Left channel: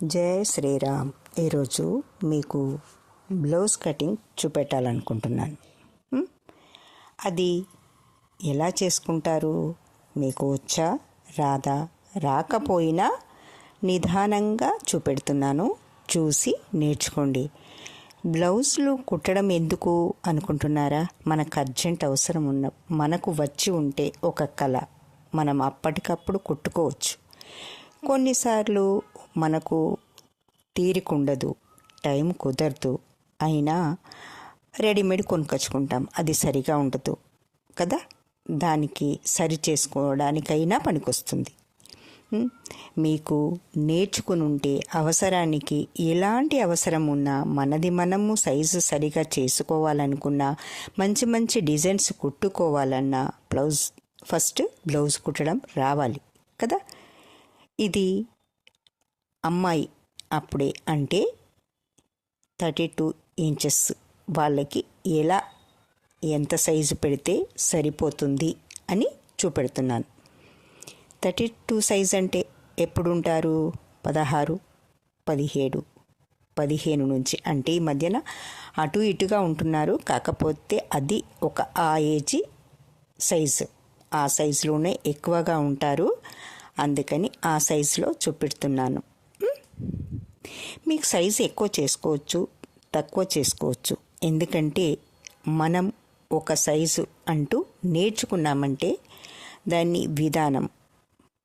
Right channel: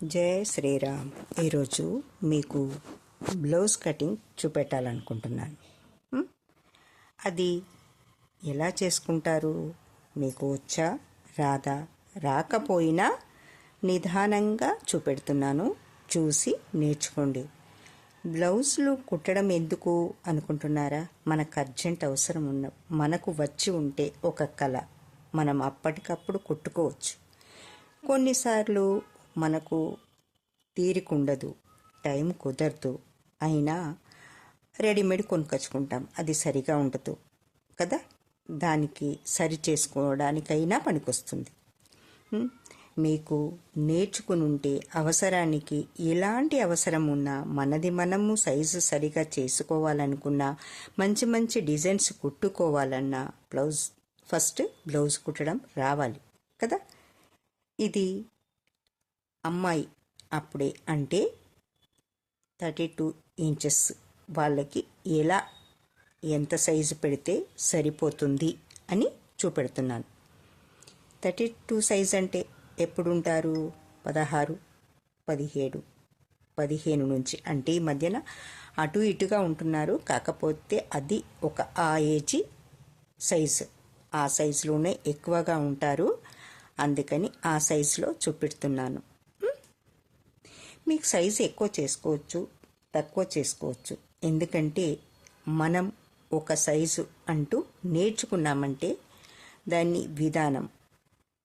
జై శ్రీరామ్. ఈరోజు మీకు బ్లౌజ్ కటింగ్ చూపెట్టాలనుకుంటున్నాను. అది ఎలా చేసుకుంటారు? మీకు వచ్చా రాదా? రాకపోయినా నిదానంగా చూపెడుతున్నాను, చూసి నేర్చుకోండి. బ్లౌజులు కుట్టడం ఎందుకు అనుకుంటున్నారా? మనకు అర్జెంట్ అవసరం ఉన్న, మనకు వచ్చి ఉంటే ఒక కళ, మనం అప్పటికప్పుడు కుట్టుకోవచ్చు. కొన్నిసార్లు మనకు తీరికుండదు, టైం కుదరదు, అయినా రెడీమేడ్ కొనుక్కొచ్చుకుంటాం, అది సరిగా ఉండదు కదా. దానికి సరి చేసుకోవడానికైనా పనికొస్తుంది. మీకు నేర్చుకుని ఉంటే అవసరానికి ఎలాంటి అవసరం ఉన్నా, మనది మనము సైజు సరిగా చేసుకోవాలనుకున్నా, మంచి మంచి డిజైన్స్ కుట్టుకోవాలన్నా ఫస్ట్ బ్లౌజ్ కుట్టడం రావాలి కదా. ఇది అమ్మాయి అప్పుడే అంటే 32 ఇంచెస్ వాళ్ళకి ఎంత సైజు పెడితే సరిపోతుంది అని చూపెడుతున్నాను. 32 సైజ్ అంటే ఎప్పుడుంటారు? 16, 17, 15 నుంచి, అంటే ఈ మధ్యన అటు ఇటుగా ఉంటున్నారు. కాకపోతే అది ఒక ఆ ఏజీ సైజు, ఆ సైజులోనే ఎక్కువగా ఉంటారు. అందుకని ఆ సైజులో చూపెడుతున్నాను. మీకు సైజు ఎక్కువ చేసుకోవచ్చు, తక్కువ చేసుకోవచ్చు. ఎందుకంటే మనం ఒక సైజు అంటూ నేర్చుకున్నామంటే దాన్ని విధానం,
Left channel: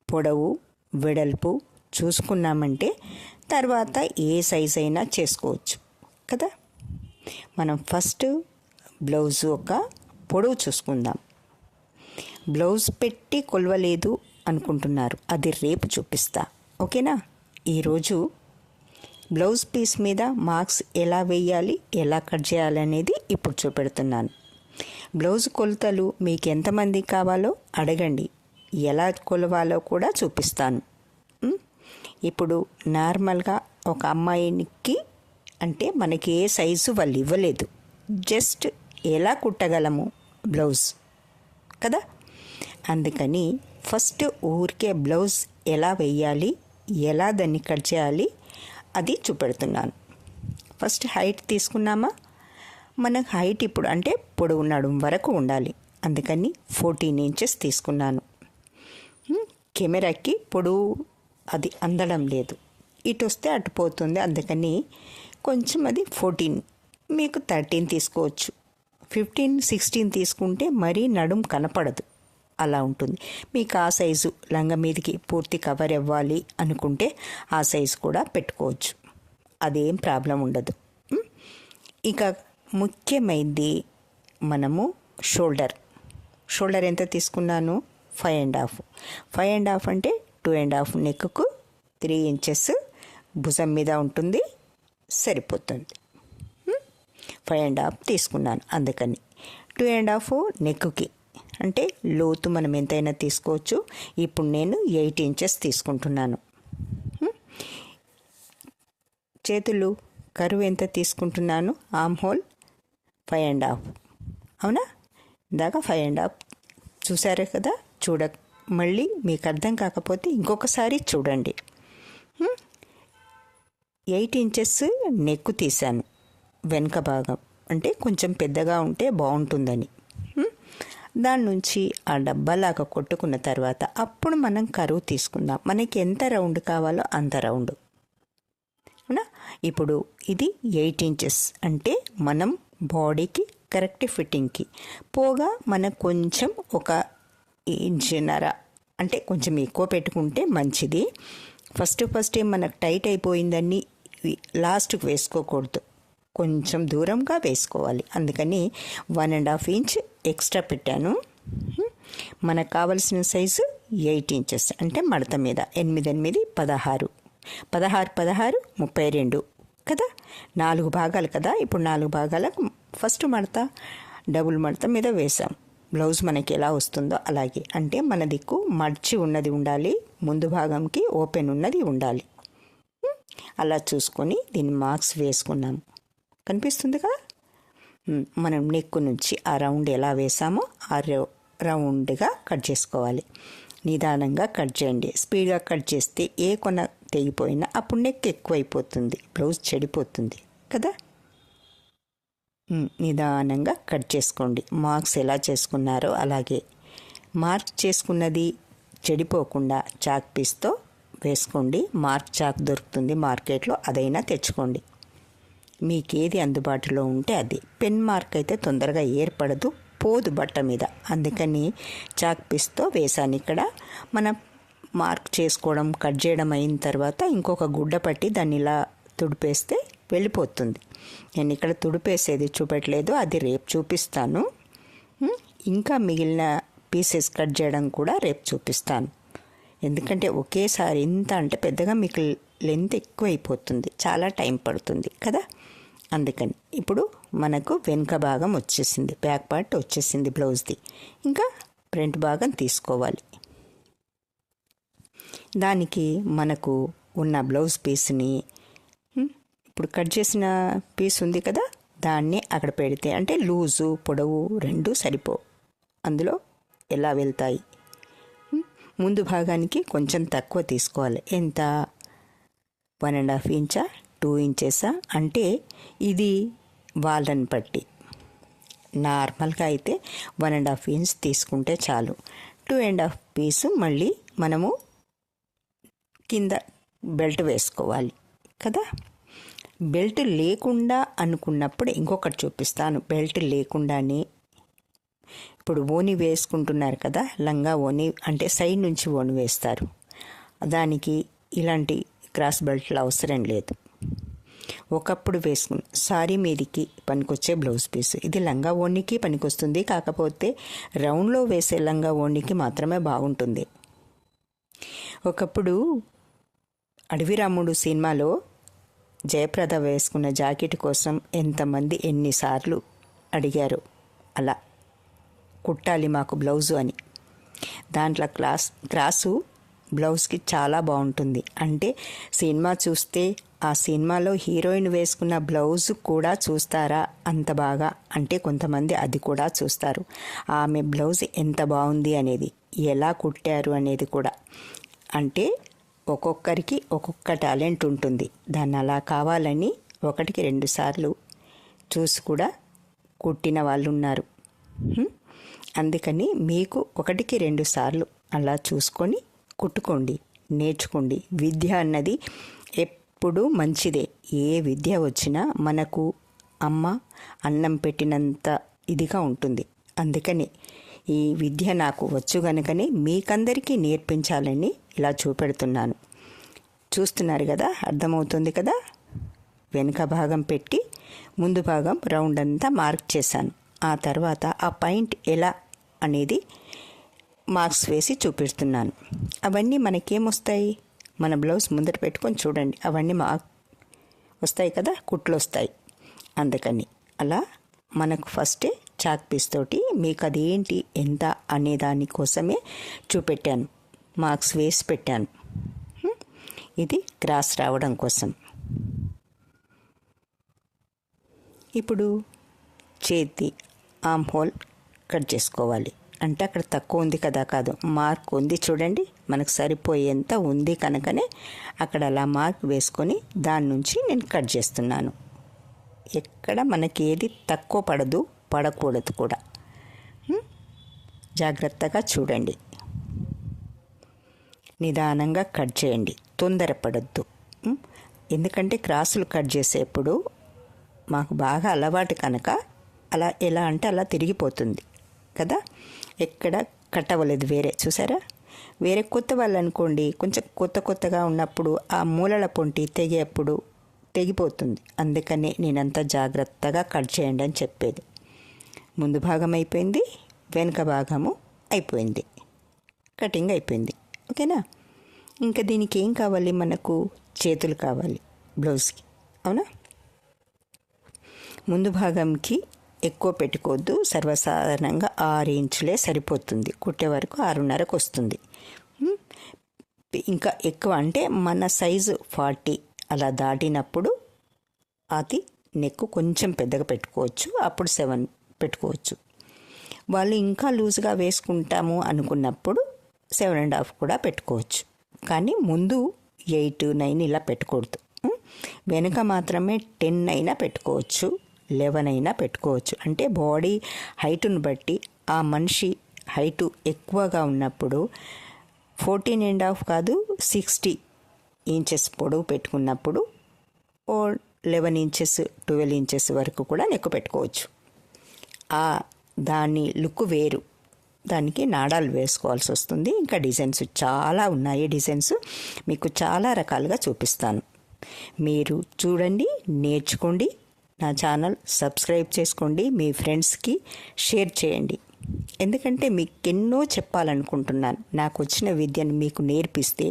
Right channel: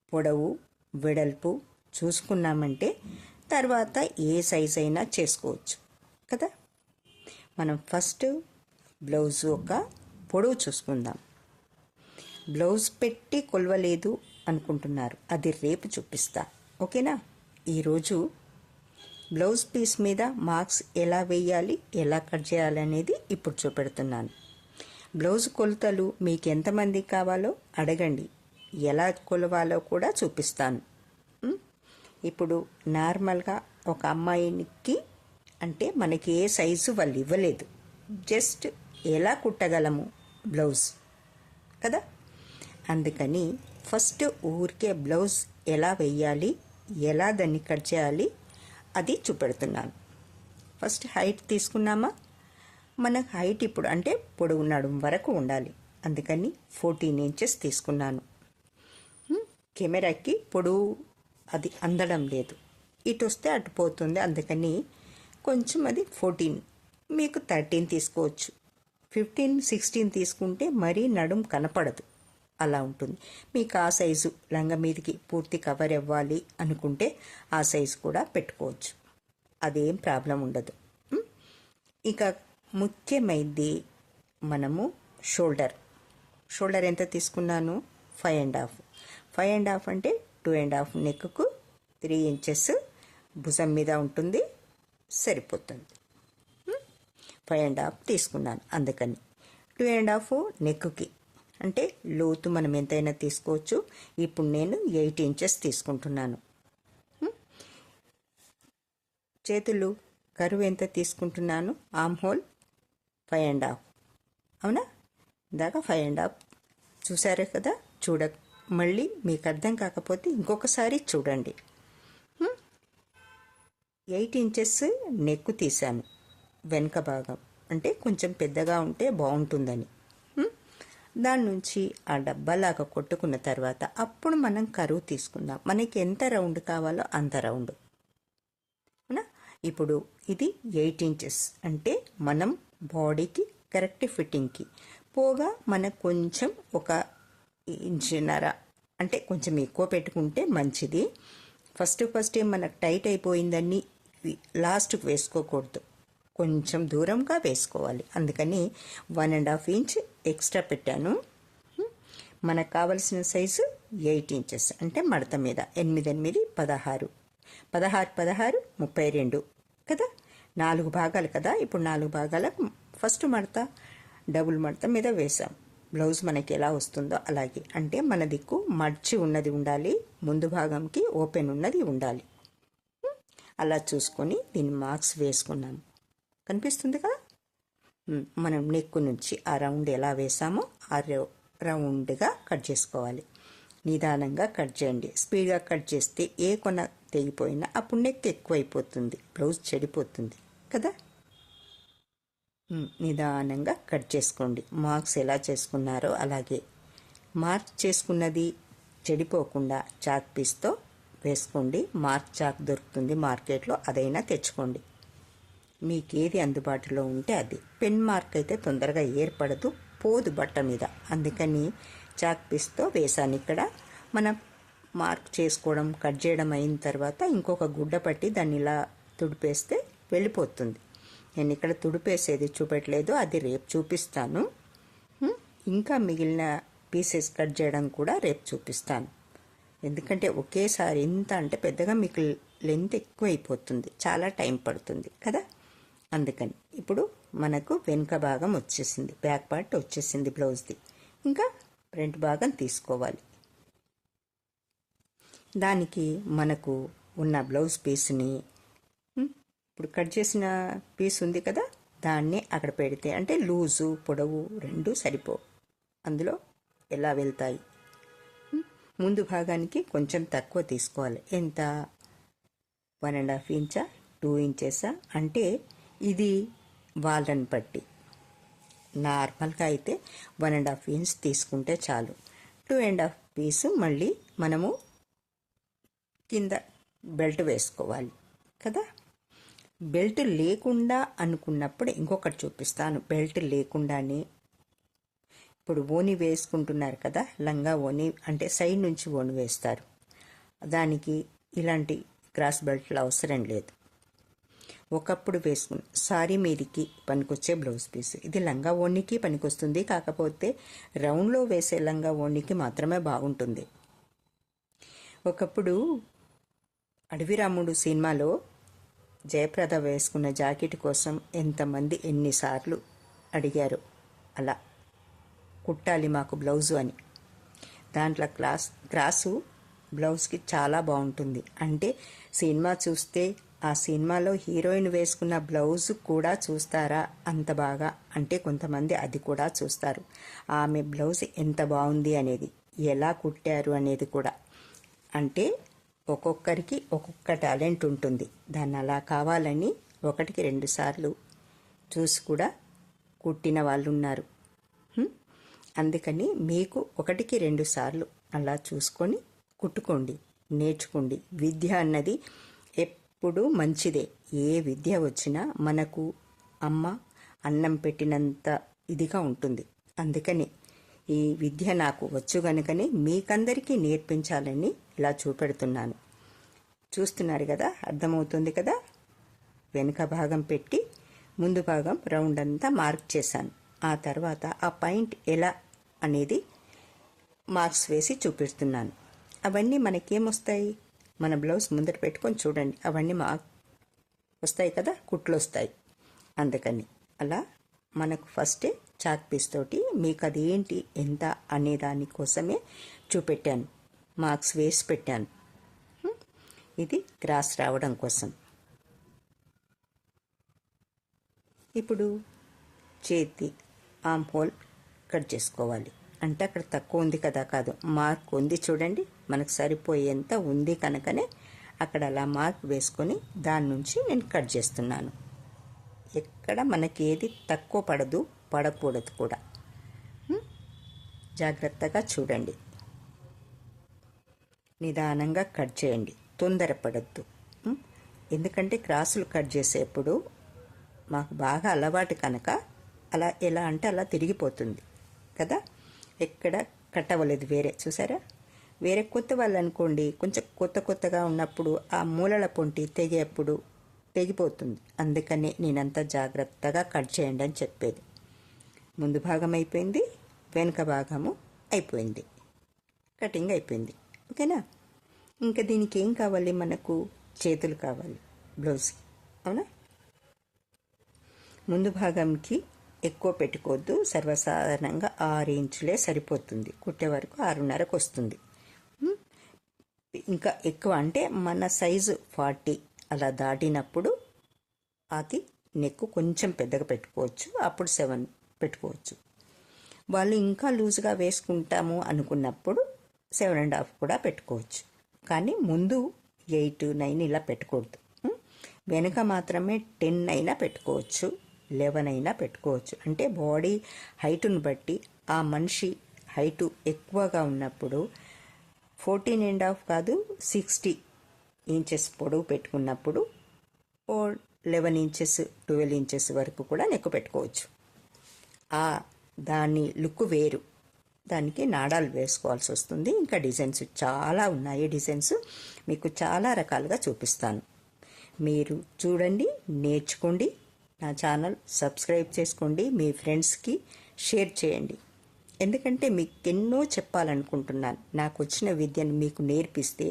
పొడవు, వెడల్పు చూసుకున్నామంటే తర్వాత ఏ సైజు అయినా చేసుకోవచ్చు కదా. మనం ఫస్ట్ బ్లౌజ్ ఒక పొడవు చూసుకుందాం. బ్లౌజ్ పెట్టి కొలవలేదు అనుకుంటున్నారు, అది రేపు చూపిస్తా, ఓకేనా. ఈరోజు బ్లౌజ్ పీస్ మీద మార్క్స్ ఎలా వేయాలి, ఎలా కట్ చేయాలనేది ఇప్పుడు చూపెడుతున్నాను. బ్లౌజ్ కొలతలు మీకు ఎంతమంది కావాలో అడగండి, ఎలా కొలవాలో కూడా చూపిస్తాను. ఇప్పుడు నార్మల్గా ఒక అమ్మాయికి అంటే మనకి ఏ సైజు వాళ్ళు ఇవ్వలేదు, జస్ట్ ఎలా కుట్టగలము బ్లౌజ్ కదా. అందుకని ఫస్ట్ ఊరికే బ్లౌజ్ ఎలా వేయాలి, ఎలా దాన్ని కట్ చేయాలి అది చూపెడుతున్నాను. First height తీసుకున్నామా? మనకు హైట్ ఇప్పుడు అంటే పొడవు నడుము వరకు ఉండాలి. అందుకని 14 ఇంచెస్ తీసుకున్నాను. కెమెరాకి పొడవు అది అందడం లేదు, ఇటు వస్తే అటు పోతుంది. అందుకని కొంచెం అది 14, మీకు 13 తీసుకోవచ్చు. 15, 16 తీసుకుంటే మరీ నడుము కనపడదు, అలా ఉంటుంది. మీకు ఆ సైజు లంగా మీదకి పూర్తి కవర్ ఇవ్వాలి అనుకుంటే ఆ సైజు కూడా పెట్టుకోవచ్చు, అదేం ప్రాబ్లం ఉండదు. ఇక ముఖ్యమైనది మనము షోల్డర్ ఎంత తీసుకున్నాను? 5.5. 5.5 అంటే 2.5 నెక్కు, 3 ఇంచెస్ భుజం మీద ఉంటుంది, సరిపోతుంది. 5.5 తీసుకున్నాను. అందుకని 2.5 నెక్కుకి అంటే లోతు మనం ఎంతైనా తీసుకోవచ్చు. ఇప్పుడు నేను 8 ఇంచెస్ తీసుకుంటున్నాను. చేతులు కరువు ఎంత తీసుకుంటున్నాను? ఆర్మ్ హోల్ 5.5, అవునా. ఇందాక 5.5 చూసారే కదా. మళ్ళీ మీకు అర్థం కాకపోతే ఇంకొకసారి చూడండి. 8 ఇంచెస్ నెక్కు తీశాను, వెనుక భాగం అంటే కొంచెం పెద్దగా ఉంటే బాగుంటుందని. దాని నుంచి ఆ డబ్బాలాగా కొట్టుకున్న తర్వాత అప్పుడు మనం కరువు తీసుకుందాం. మనకి ఎంత రౌండ్ కావాలో అంత రౌండ్, అవునా. ఇప్పుడు ఇది 8 ఇంచెస్ అంటే మనం బాడీకి కరెక్ట్ ఫిట్టింగ్కి పోగా మనకు కొంచెం 1.5 ఇంచున్నర అంటే కొంచెం ఎక్కువ పెట్టుకుంటే మంచిది. ఫస్ట్ మనకు టైట్ అయిపోయిందని లాస్ట్కి వేసుకోకూడదు, కొంచెం దూరంగా వేసుకోవాలి. అందుకని 1.5 ఇంచ్ ఎక్స్ట్రా పెట్టాను. మనకు కావలసిన సైజు 8 ఇంచెస్ అంటే మడత మీద 8, 8, 16, 16, 32 కదా. 4 భాగాలు కదా. ఇప్పుడు 4 భాగాలకు ఫస్ట్ మడత డబుల్ మడత మీద వేసాం. బ్లౌజ్ మనకి ఎలా వస్తుందో అలాగే, అంటే మన దిక్కు మర్చి ఉన్నది ఉండాలి, ముందు భాగంకి ఓపెన్ ఉన్నది ఉండాలి. అలా చూసుకొని దీన్ని మార్క్స్ వేసుకున్నాము, కనిపిస్తుంది కదా. మనం నెక్కు నుంచి ఆ రౌండ్ ఎలా వేసామో ఆ రౌండ్గా కట్ చేసుకోవాలి. నిదానంగా కట్ చేయండి. స్పీడ్గా కట్ చేస్తే ఏ కొన తెగిపోయినా అప్పుడు నెక్ ఎక్కువైపోతుంది, బ్లౌజ్ చెడిపోతుంది కదా. నిదానంగా కట్ చేసుకోండి. మార్క్స్ ఎలా చేసుకున్నారో అలాగే మార్క్ చేసుకున్నది చెడిపోకుండా చాక్ పీస్తో వేసుకోండి. మార్క్ చాక్ దొరుకుతుంది మార్కెట్లో, అదైనా తెచ్చుకోండి. మీకు ఏది అందుబాటులో ఉంటే అది. పెన్ మార్క్ అయితే తొందరగా ఏర్పడదు, పోదు బట్ట మీద, అందుకని చాక్ పీస్తో వేసాను. ఇక్కడ మనం మార్క్ చేసుకోవడం కట్ చేయడం అయిన తర్వాత ఇంకొక గుడ్డ పట్టి దాన్ని ఇలా తుడిపేస్తే వెళ్ళిపోతుంది. నేను ఇక్కడ తుడిపేసేది చూపెట్టలేదు, అది రేపు చూపిస్తాను. ఇంకా మిగిలిన పీసెస్ కట్ చేయడం కూడా రేపు చూపిస్తాను. ఎందుకంటే ఒకేసారి ఇంత అంటే పెద్దగా మీకు లెంత్ ఎక్కువైపోతుంది, చాలా టైం పడుతుంది కదా. అందుకని ఇప్పుడు మనకు వెనుక భాగం వచ్చేసింది, బ్యాక్ పార్ట్ వచ్చేసింది బ్లౌజ్ది. ఇంకా ఫ్రంట్ భాగం తీసుకోవాలి. దానికి మనకు ఉన్న బ్లౌజ్ పీస్ని ఇప్పుడు కట్ చేసిన పీస్ ఉంది కదా, దాన్ని అక్కడ పెడితే అంటే లూజు పొడవు రెండు సరిపో, అందులో ఎలా వెళ్తాయి. ముందు భాగానికి కొంచెం తక్కువ తీసుకోవాలి. ఎంత? 1.5 ఇంచా 2 ఇంచెసా అంటే ఇది వాళ్ళని బట్టి. నార్మల్గా అయితే 1.5 ఇంచ్ తీసుకుంటే చాలు. 2.5 పీసు మళ్ళీ మనము కింద బెల్ట్ వేసుకోవాలి కదా. బెల్ట్ లేకుండా అనుకున్నప్పుడు ఇంకొకటి చూపిస్తాను. బెల్ట్ లేకుండానే ఇప్పుడు ఓని వేసుకుంటున్నారు కదా, లంగా ఓని అంటే సైడ్ నుంచి ఓని వేస్తారు, దానికి ఇలాంటి క్రాస్ బెల్ట్లు అవసరం లేదు. ఒకప్పుడు వేసుకుని సారీ మీదికి పనికొచ్చే బ్లౌజ్ పీస్ ఇది లంగా ఓనికి పనికొస్తుంది, కాకపోతే రౌండ్లో వేసే లంగా ఓనికి మాత్రమే బాగుంటుంది. ఒకప్పుడు అడవి రాముడు సినిమాలో జయప్రద వేసుకున్న జాకెట్ కోసం ఎంతమంది ఎన్నిసార్లు అడిగారు, అలా కుట్టాలి మాకు బ్లౌజు అని. దాంట్లో క్రాసు బ్లౌజ్కి చాలా బాగుంటుంది. అంటే సినిమా చూస్తే ఆ సినిమాలో హీరోయిన్ వేసుకున్న బ్లౌజ్ కూడా చూస్తారా అంత బాగా, అంటే కొంతమంది అది కూడా చూస్తారు. ఆమె బ్లౌజ్ ఎంత బాగుంది అనేది, ఎలా కుట్టారు అనేది కూడా. అంటే ఒక్కొక్కరికి ఒక్కొక్క టాలెంట్ ఉంటుంది. దాన్ని అలా కావాలని 1కి 2 సార్లు చూసి కూడా కుట్టిన వాళ్ళు ఉన్నారు. అందుకని మీకు 1కి 2 సార్లు అలా చూసుకొని కుట్టుకోండి, నేర్చుకోండి. విద్య అన్నది ఎప్పుడూ మంచిదే. ఏ విద్య వచ్చినా మనకు అమ్మ అన్నం పెట్టినంత ఇదిగా ఉంటుంది. అందుకని ఈ విద్య నాకు వచ్చు కనుకనే మీకందరికీ నేర్పించాలని ఇలా చూపెడుతున్నాను. చూస్తున్నారు కదా, అర్థమవుతుంది కదా. వెనుక భాగం పెట్టి ముందు భాగం రౌండ్ అంతా మార్క్ చేశాను. ఆ తర్వాత ఆ పాయింట్ ఎలా అనేది మార్క్స్ వేసి చూపిస్తున్నాను. అవన్నీ మనకేమొస్తాయి, మన బ్లౌజ్ ముందర పెట్టుకొని చూడండి, అవన్నీ మార్క్ వస్తాయి కదా, కుట్లు వస్తాయి. అందుకని అలా మనకు ఫస్టే చాక్ పీస్ తోటి మీకు అది ఏంటి ఎంత అనే దానికోసమే చూపెట్టాను, మార్క్స్ వేసి పెట్టాను. ఇది క్రాస్ రావడం కోసం. ఇప్పుడు చేతి ఆమ్ హోల్ కట్ చేసుకోవాలి. అంటే అక్కడ తక్కువ ఉంది కదా, కాదు, మార్క్ ఉంది చూడండి, మనకు సరిపోయేంత ఉంది కనుకనే అక్కడ అలా మార్క్ వేసుకొని దాని నుంచి నేను కట్ చేస్తున్నాను. ఎక్కడ మనకి ఏది తక్కువ పడదు, పడకూడదు కూడా. జాగ్రత్తగా చూడండి, నిదానంగా కట్ చేయండి, తొందరపడద్దు. ఎందుకంటే క్రాసులు కట్ చేసేప్పుడు మాకు బాగా అలవాటు కనుక అలా ఎలా అంటే అలా తిరిగిపోతుంది కదా, ఎక్కడ కట్ అవ్వలేదు. వేరే చూసారా, వేరే కొత్త వాళ్ళు అనుకోండి, కొంచెం కొత్తగా ఉన్నప్పుడు ఆ మూలల పొంటి తెగేప్పుడు తెగిపోతుంది. అందుకనే నేనంతా జాగ్రత్తగా కట్ చేయండి అని చెప్పేది. ముందు భాగం అయిపోయింది, వెనుక భాగము అయిపోయింది, కటింగ్ అయిపోయింది. ఓకేనా. ఇంకా దీనికి ఏం కావాలి, మనకు చేతులు కావాలి బ్లౌజ్కి, అవునా. ముందు భాగంకి ఎక్కువ పెట్టుకోవద్దు, సర్వసాధారణంగా 6 ఇంచులే సరిపోతుంది. కుట్టే వరకు 6.5కు వస్తుంది. ఇంకా ఎక్కువ అంటే మన సైజు 40 అలా దాటినప్పుడు అది నెక్ కొంచెం పెద్దగా పెట్టుకోవచ్చు, అప్పుడు 7 పెట్టుకోవచ్చు. వాళ్ళు ఇంకా లూజ్గా వేసుకుంటాము అనుకున్నప్పుడు 7.5 కూడా పెట్టుకోవచ్చు. కానీ ముందు 8, 9 ఇలా పెట్టకూడదు. వెనుక మాత్రమే 10 అయినా పెట్టుకోవచ్చు, 11 అయినా పెట్టుకోవచ్చు. అంటే బాడీ హైటును బట్టి ఆ మనిషి హైటు ఎక్కువగా ఉన్నప్పుడు 14.5 కాదు 60 ఇంచెస్ పొడవు పెట్టుకున్నప్పుడు 11 ఇంచెస్ 12 ఇంచెస్ వరకు కూడా నెక్ పెట్టుకోవచ్చు. దాని లుక్ వేరు, దానికి నాడాలు వేసుకోవాల్సి వస్తుంది. ఇంకా డిజైన్స్ చాలా ఉన్నాయి. డిజైన్స్ మీకు చాలా రకాలుగా చూపిస్తాను. మీరు చూడండి, నేర్చుకోండి. నా ఛానల్ సబ్స్క్రైబ్ చేసుకోండి, మీ ఫ్రెండ్స్కి షేర్ చేయండి. ఎందుకంటే మీకు ఎన్నో చెప్పాలనుకుంటున్నాను. నాకు వచ్చిన విద్యను మీకు నేర్పిస్తే,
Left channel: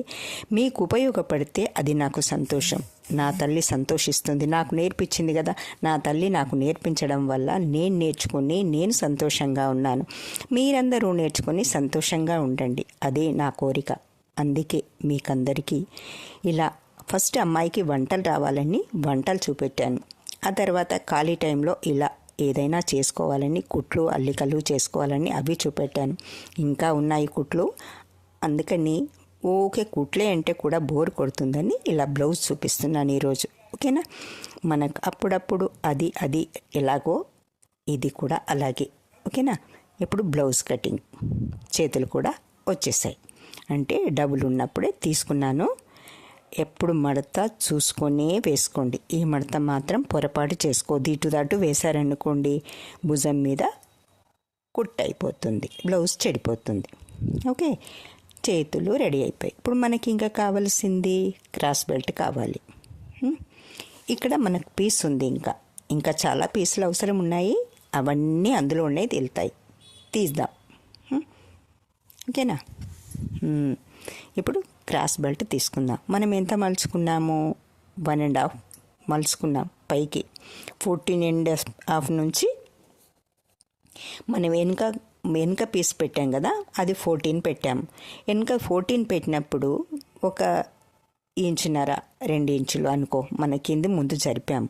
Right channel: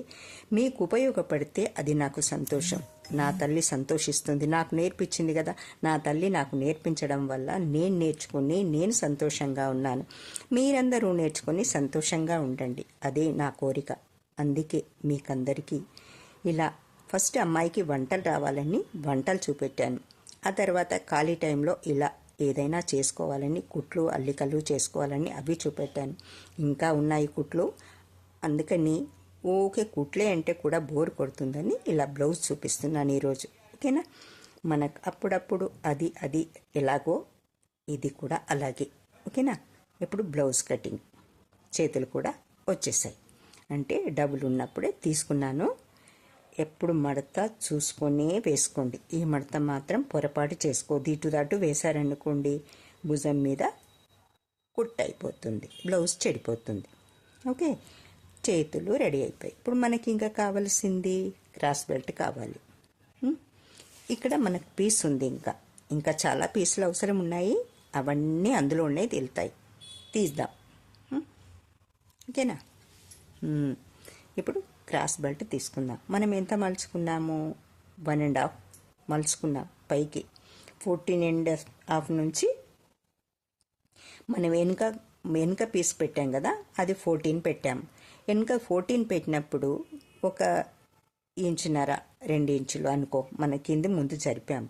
మీకు ఉపయోగపడితే అది నాకు సంతోషం. నా తల్లి సంతోషిస్తుంది. నాకు నేర్పించింది కదా, నా తల్లి నాకు నేర్పించడం వల్ల నేను నేర్చుకుని నేను సంతోషంగా ఉన్నాను. మీరందరూ నేర్చుకొని సంతోషంగా ఉండండి, అదే నా కోరిక. అందుకే మీకందరికీ ఇలా ఫస్ట్ అమ్మాయికి వంటలు రావాలని వంటలు చూపెట్టాను. ఆ తర్వాత ఖాళీ టైంలో ఇలా ఏదైనా చేసుకోవాలని, కుట్లు అల్లికలు చేసుకోవాలని అవి చూపెట్టాను. ఇంకా ఉన్నాయి కుట్లు, అందుకని ఓకే కుట్లే అంటే కూడా బోర్ కొడుతుందని ఇలా బ్లౌజ్ చూపిస్తున్నాను ఈరోజు. ఓకేనా? మనకు అప్పుడప్పుడు అది ఎలాగో ఇది కూడా అలాగే. ఓకేనా? ఇప్పుడు బ్లౌజ్ కటింగ్, చేతులు కూడా వచ్చేసాయి. అంటే డబుల్ ఉన్నప్పుడే తీసుకున్నాను. ఎప్పుడు మడత చూసుకొనే వేసుకోండి. ఈ మడత మాత్రం పొరపాటు చేసుకోవద్దు. ఇటు దాటు వేశారనుకోండి భుజం మీద కుట్ అయిపోతుంది, బ్లౌజ్ చెడిపోతుంది. ఓకే, చేతులు రెడీ అయిపోయాయి. ఇప్పుడు మనకి ఇంకా కావాల్సింది క్రాస్ బెల్ట్ కావాలి. ఇక్కడ మనకు పీస్ ఉంది. ఇంకా చాలా పీసులు అవసరం ఉన్నాయి. అవన్నీ అందులో ఉన్నాయి, తేలుతాయి. తీద్దాం. ఓకేనా? ఇప్పుడు క్రాస్ బెల్ట్ తీసుకుందాం. మనం ఎంత మలుచుకున్నాము? 1.5 మలుచుకున్నాం పైకి. 14.5 నుంచి మనం వెనుక పీస్ పెట్టాం కదా, అది 14 పెట్టాము. వెనుక 14 పెట్టినప్పుడు 1.5 ఇంచున్నర 2 ఇంచులు అనుకో, మన కింది ముందు జరిపాము.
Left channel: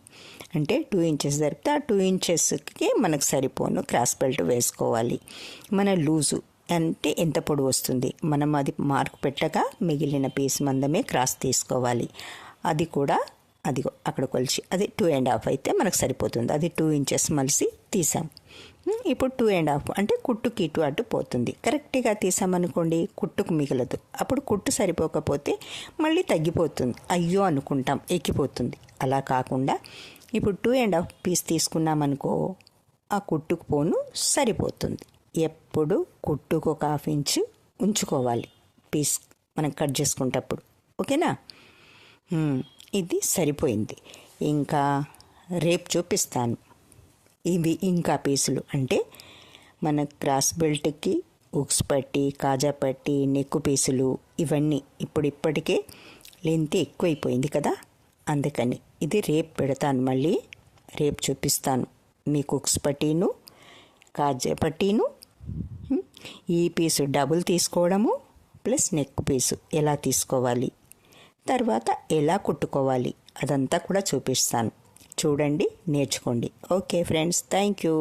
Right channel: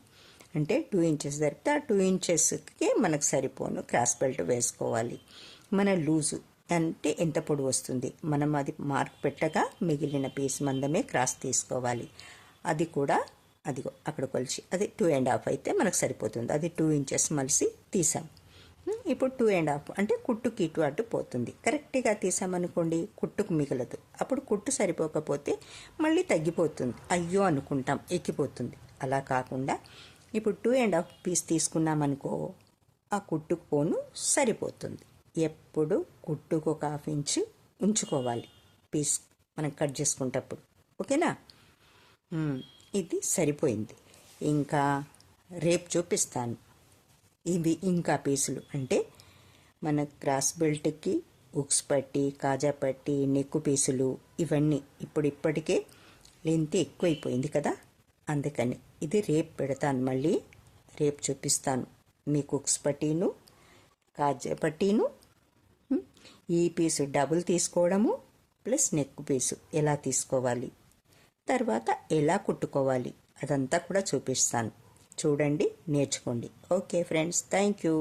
అంటే 2 ఇంచెస్ జరిపితే ఆ 2 ఇంచెస్కి మనకు సరిపోను క్రాస్ బెల్ట్ వేసుకోవాలి. మన లూజు అంటే ఎంత పొడవు వస్తుంది, మనం అది మార్కు పెట్టగా మిగిలిన పీస్ మందమే క్రాస్ తీసుకోవాలి. అది కూడా అదిగో అక్కడ కొలిచి అది 2.5 అయితే మనకు సరిపోతుంది. అది 2 ఇంచెస్ మలిసి తీసాం. ఇప్పుడు 2.5 అంటే కుట్టుకి ఇటు అటు పోతుంది. కరెక్ట్గా తీసామనుకోండి కుట్టుకు మిగలదు. అప్పుడు కుట్టు సరిపోకపోతే మళ్ళీ తగ్గిపోతుంది, అయ్యో అనుకుంటాం, ఎక్కిపోతుంది. అలా కాకుండా ఇప్పుడు 2.5 పీస్ తీసుకున్నామనుకో, ఆ కుట్టుకు పోను సరిపోతుంది. ఎప్పుడు కుట్టుకు 1/2 ఇంచు ఉంచుకోవాలి పీస్ మనం కట్ చేసుకునేటప్పుడు. ఓకేనా? ఇది సరిపోయింది. ఇంకా రేపు చూపిస్తాను. ఇవి ఇంకా పీసులు అంటే మన క్రాస్ బెల్ట్కి ఉక్స్ పట్టి, కాజా పట్టి, నెక్కు పీసులు ఇవన్నీ ఇప్పటికే లెంత్ ఎక్కువైపోయింది కదా, అందుకని ఇది రేపు పెడతాను. మళ్ళీ రేపు చూపిస్తాను మీకు ఉక్స్ పట్టీను, కాజా పట్టీను, ఈ పీసు డబుల్ తీసుకోవడము ప్లస్ నెక్ పీసు ఎలా తీసుకోవాలి, తర్వాత ఎలా కుట్టుకోవాలి అదంతా కూడా చూపిస్తాను. చూడండి, నేర్చుకోండి. Okay friends, thank you.